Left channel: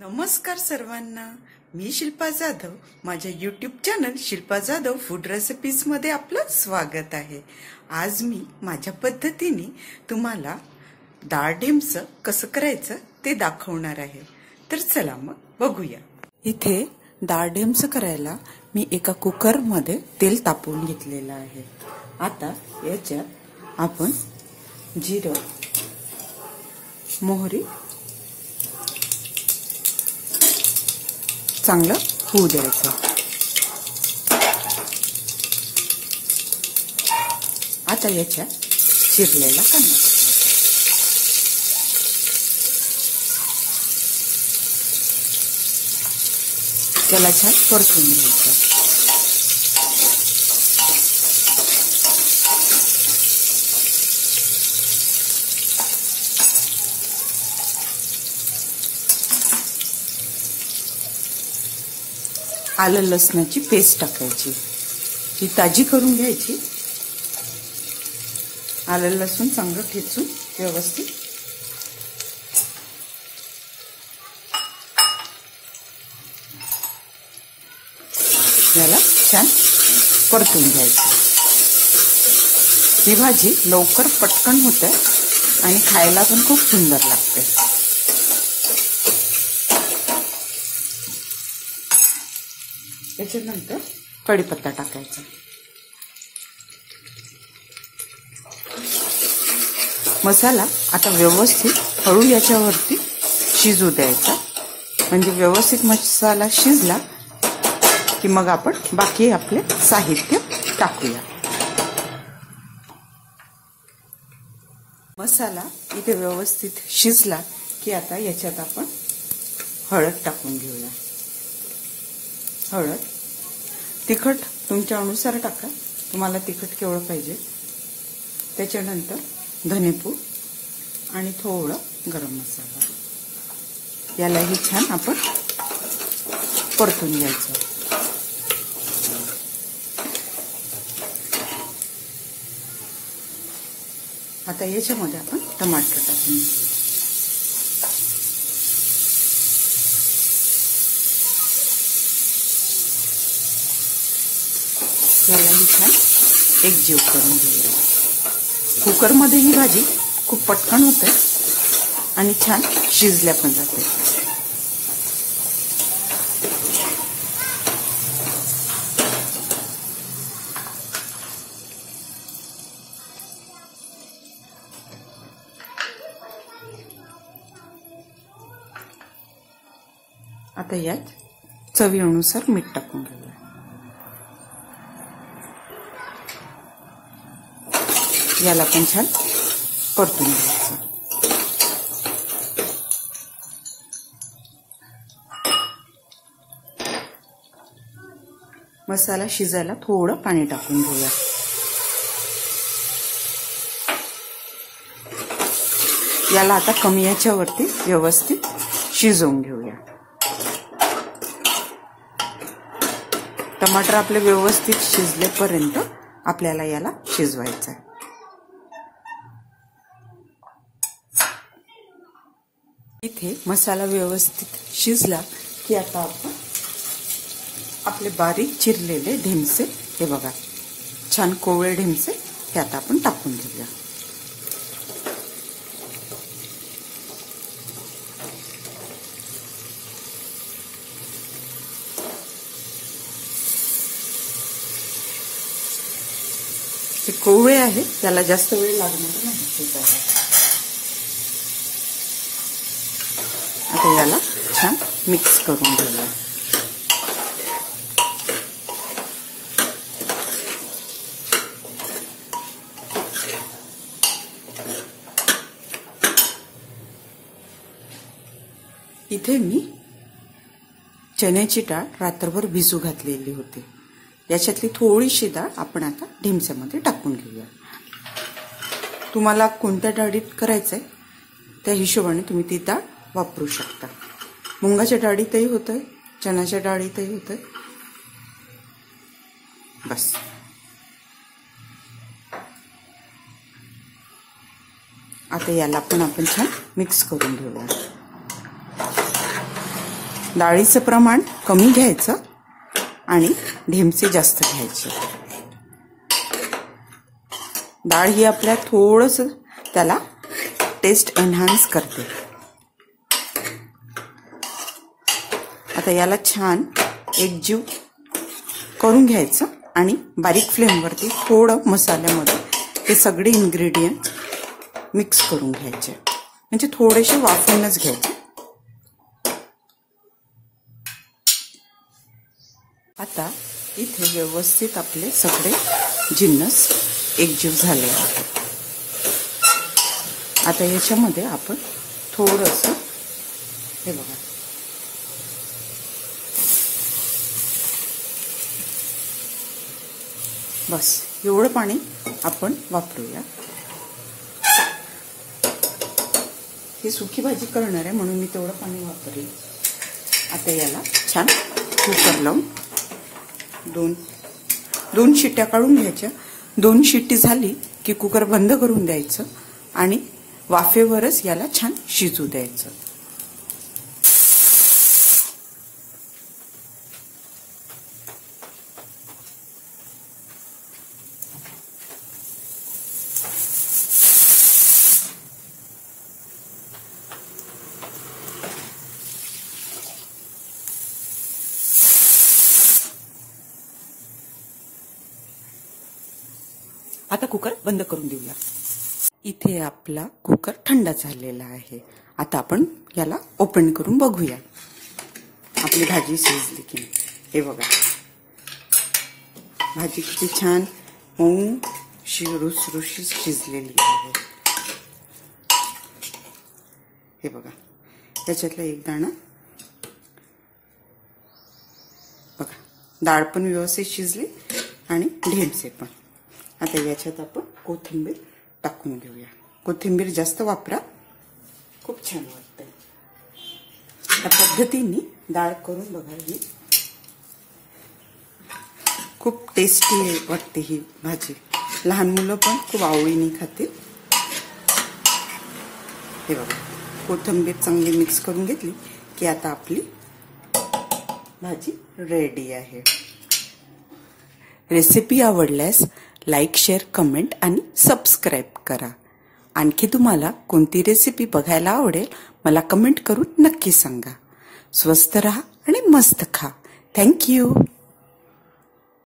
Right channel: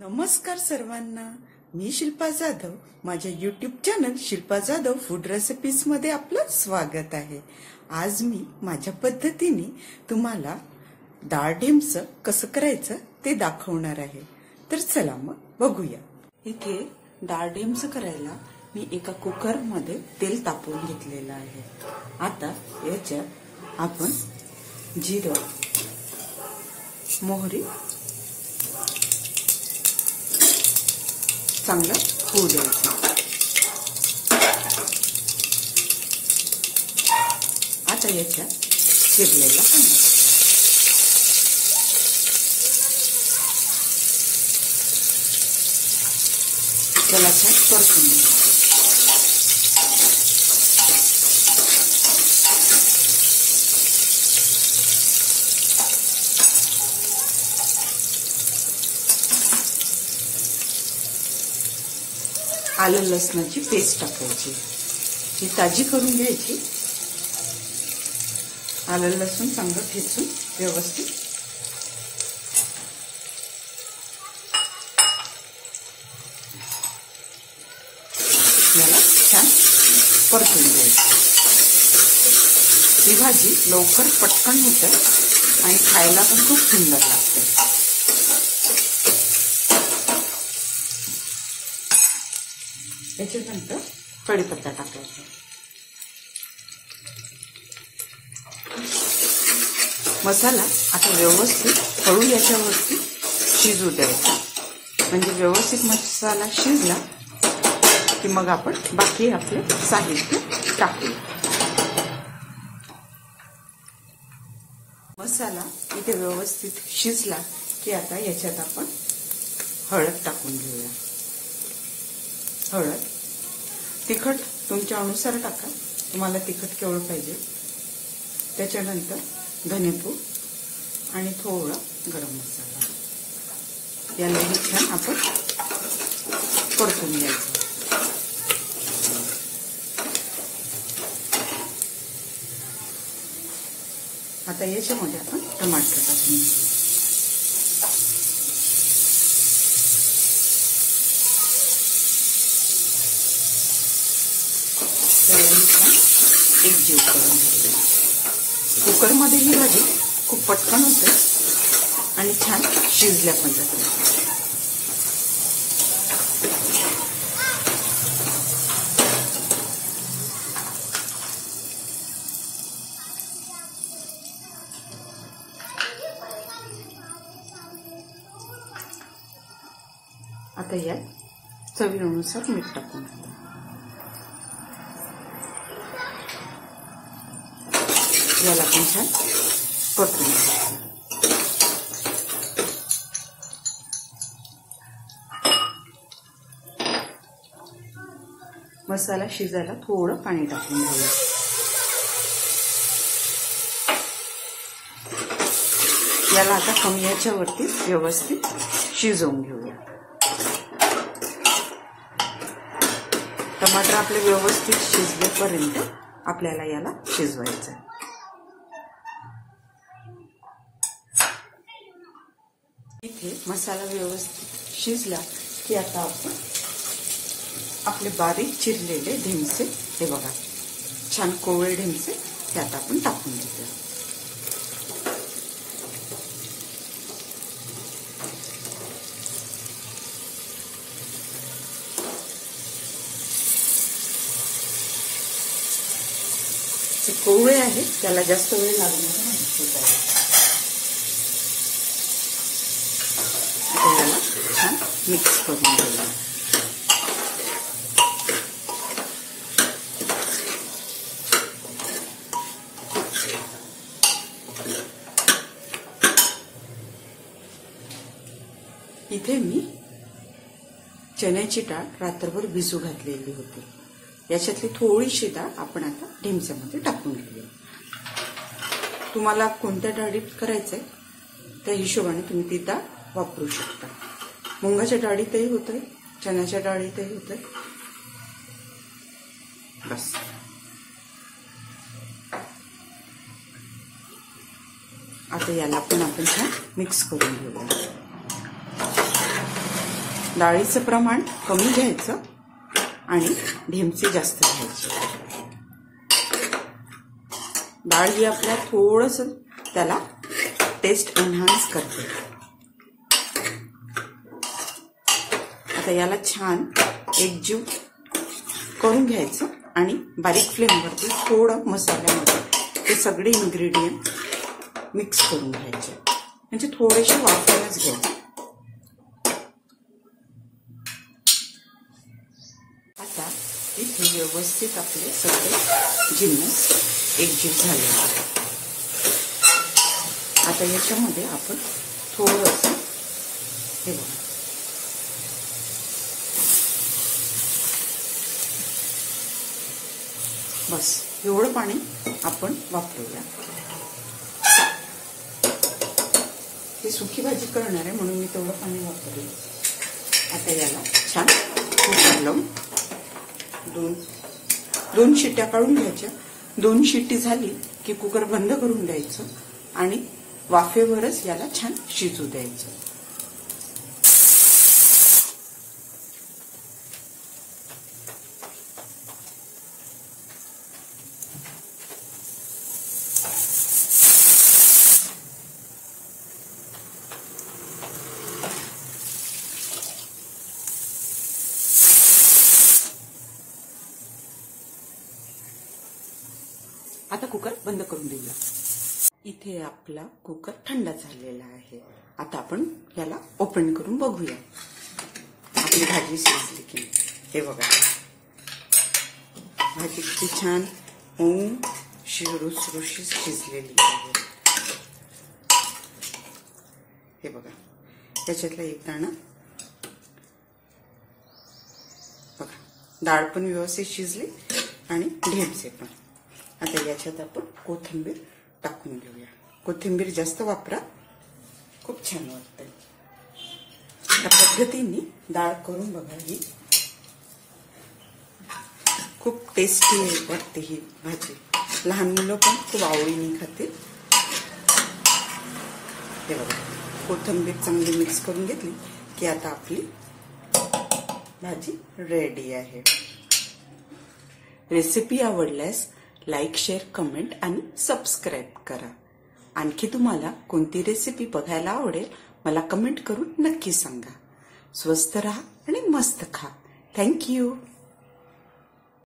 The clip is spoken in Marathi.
नमस्कार सर्वांना, मी शिल्पा जाधव. माझ्या YouTube channel Shilpa Jadhav food recipes मध्ये आपलं स्वागत आहे. आज मी माझ्या पद्धतीने तुम्हाला डाळ ढेमसं कसं करायचं ते दाखवणार आहे. तर चला मग बघूया. इथे डाळ ढेमसं करायला मी एका कुकर मध्ये तेल तापवून घेतलेलं आहे. आता याच्यात आपण जिरं, मोहरी चांगलं होऊ द्यायचं. आता याच्या चिरलेला कांदा, त्याला छान परतून घ्यायचं. आलं लसणाची पेस्ट टाकायची, ती ताजी करून घ्यायची. आलं लसूण चांगलं ठेचून व्यवस्थित याला छान परतून घ्यायची. ही भाजी लवकर पटकन होते आणि खायला पण खूप सुंदर लागते. याच्यानंतर कढीपत्ता टाकायचा. मसाला आता व्यवस्थित हळू याच्यावरती शिजू द्यायचा. म्हणजे व्यवस्थित मसाला शिजला की मग आपण बाकी आपले साहित्य टाकूया. मसाला इथे व्यवस्थित शिजला की आता याच्यात आपण हळद टाकून घेऊया. हळद, तिखट तुमच्या अनुसार टाका, तुम्हाला तिखट केवढं पाहिजे. त्याच्यानंतर धनेपूड आणि थोडं गरम मसाला. यालाही छान आपण परतून घ्यायचं. आता याच्यामध्ये आपण टमाटर टाकून घेऊ. यालाही छान एकजीव करून घेऊया. कुकरमध्ये ही भाजी खूप पटकन होते आणि छान शिजल्या पण जाते. आता यात चवीनुसार मीठ टाकून घेऊया. याला पण छान परतून घ्यायचं. मसाला शिजायला थोडं पाणी टाकून घेऊया. याला आता कमी याच्यावरती व्यवस्थित शिजवून घेऊया. टमाटर आपले व्यवस्थित शिजल्यापर्यंत आपल्याला याला शिजवायचं आहे. इथे मसाला व्यवस्थित शिजला की आता आपण आपले बारीक चिरलेले ढेमसे, हे बघा छान कोवळे ढेमसे, हे आता आपण टाकून घेऊया. हे कोवळे आहे, त्याला जास्त वेळ लागणार नाही. आता याला छान मिक्स करून घेऊया. इथे मी चण्याची डाळ रात्रभर भिजू घातलेली होती. याच्यातली थोडीशी डाळ आपण आता ढेमस्यामध्ये टाकून घेऊया. तुम्हाला कोणत्या डाळीत करायचंय त्या हिशोबाने तुम्ही ती डाळ वापरू शकता. मुंगाच्या डाळीतही होतंय, चण्याच्या डाळीतही होतंय. बस आता याला पण आपण छान मिक्स करून घेऊया. डाळीचं प्रमाण कमी घ्यायचं आणि ढेमसे जास्त घ्यायचे. डाळ ही आपल्या थोडंसं त्याला टेस्ट एनहान्स करते. आता याला छान एकजीव करून घ्यायचं आणि बारीक फ्लेमवरती थोडं मसाल्यामध्ये हे सगळे इन्ग्रेडियंट मिक्स करून घ्यायचे. म्हणजे थोडेसे वाफवूनच घ्यायचे. आता इथे व्यवस्थित आपले सगळे जिन्नस एकजीव झाले आहेत. आता याच्यामध्ये आपण थोडंसं हे बघा बस एवढं पाणी आपण वापरूया. ही सुकी भाजी करणार आहे म्हणून मी तेवढं पाणी वापरलं. आता याला छान कुकर लावून दोन शिट्ट्या काढून घ्यायच्या. 2 शिट्टी झाली की कुकर बंद करून द्यायचं आणि वाफेवरच याला छान शिजू द्यायचं. आता कुकर बंद करून देऊया. इथे आपला कुकर थंड झालेला आहे. आता आपण याला ओपन करून बघूया आपली भाजी शिजली की. हे बघा भाजी किती छान मऊ रुसरुशीत शिजलेली आहे. हे बघा त्याच्यातला एक दाणा बघा. डाळ पण व्यवस्थित शिजली आणि ढेमसे पण. आता याच्यात आपण कोथिंबीर टाकून घेऊया. कोथिंबीर जास्त वापरा, खूप छान वाटते. या पद्धतीने डाळ करून बघा. ही खूप टेस्टी वाटते ही भाजी. लहान मुलं पण खूप आवडीने खातील. हे बघा कोथिंबीर चांगली मिक्स करून घेतली की आता आपली भाजी रेडी आहे. रेसिपी आवडल्यास लाईक, शेअर, कमेंट आणि सबस्क्राईब करा. आणखी तुम्हाला कोणती रेसिपी बघायला आवडेल मला कमेंट करून नक्की सांगा. स्वस्त रहा आणि मस्त खा. थँक्यू.